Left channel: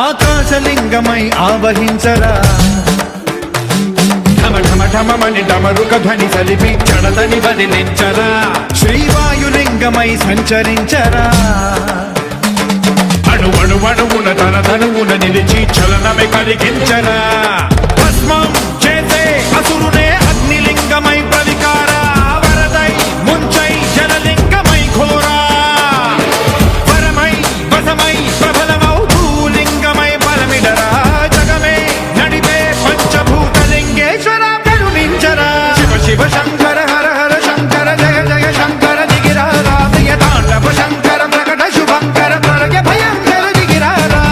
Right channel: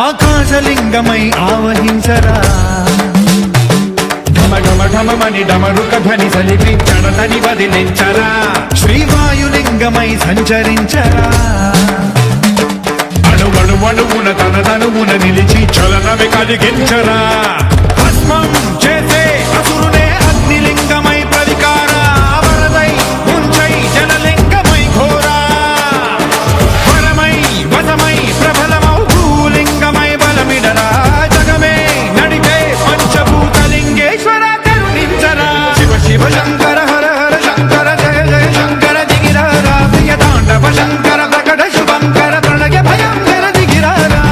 ఆకాశలింగమై ఆవహించరా ఢమఢమఢమని డమరుక ధ్వని సలిపి జడదని వదిలించరా శ్రీవాయులింగమై సంచరించరా అణువణువున తన తనువున నిలిచి చలనమే కలిగించరా భస్మం చేసే అసురునే అగ్నిలింగమై ప్రవికారా వరదై ముంచై జలలింగమై ఘోరా వరమై వసమై ప్రబలమౌ భూలింగమై బలమిడరా జగమే నడిపే పంచభూతలింగేశ్వర కరుణించరా శివ శివ శంకర హర హర శంకర జయ జయ శంకర దిగిరారా ప్రియ తాండవ శంకర ప్రకట శుభంకర ప్రళయ భయంకర దిగిరారా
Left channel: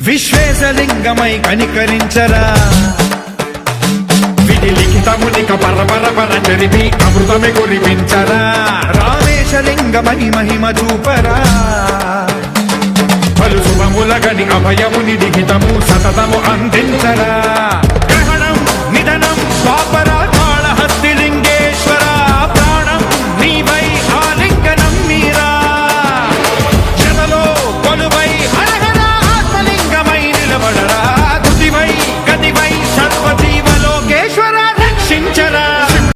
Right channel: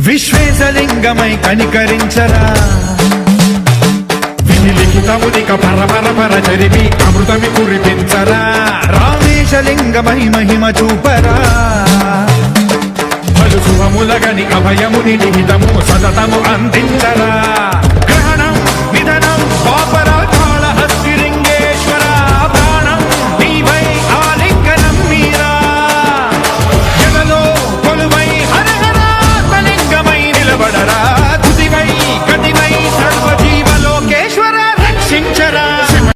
విశ్వేశలింగమై కనికరించరా విధి లిఖితమునిక పరపర జరిపి అమృతమి కురిపించరా రామేశలింగమై మహిమ చూపరా పలు శుభములగని అభయముని లిఖితము సతతము అందించరా